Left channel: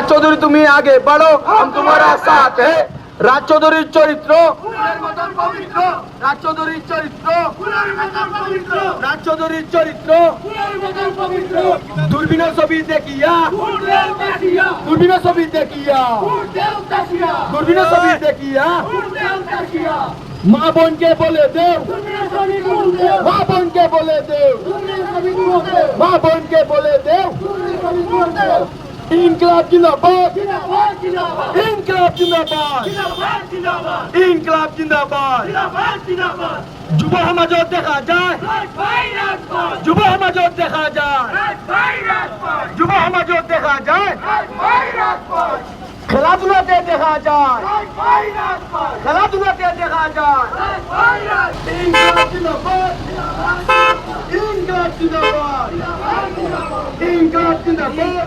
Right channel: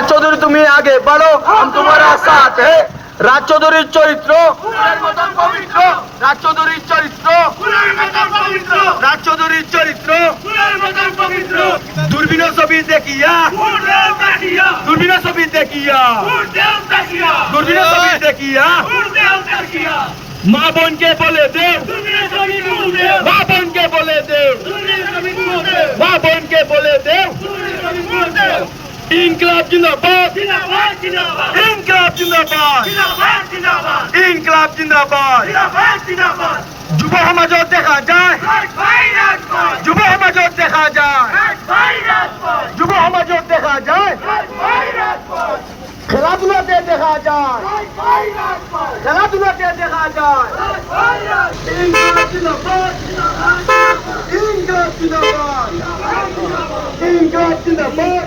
রাজ চৌধুরী তুমি আগে बढ़ो हम तुम्हारा साथ है রাজ চৌধুরীর চরিত্র রাজ চৌধুরীর চরিত্র রাজ চৌধুরীর চরিত্র দূরবীন ছবি দেখিয়া দূরবীন ছবি দেখিয়া দূরবীন ছবি দেখিয়া মা বোনকে বলে দে মা বোনকে বলে দে মা বোনকে বলে দে ইনকলাব জিন্দাবাদ ইনকলাব জিন্দাবাদ ইনকলাব জিন্দাবাদ যুব সমাজত দেখা যায় যুব সমাজত দেখা যায় যুব সমাজত দেখা যায় খেলাধুলাতে দেখা যায় খেলাধুলাতে দেখা যায় ইনকলাব জিন্দাবাদ ইনকলাব জিন্দাবাদ ইনকলাব জিন্দাবাদ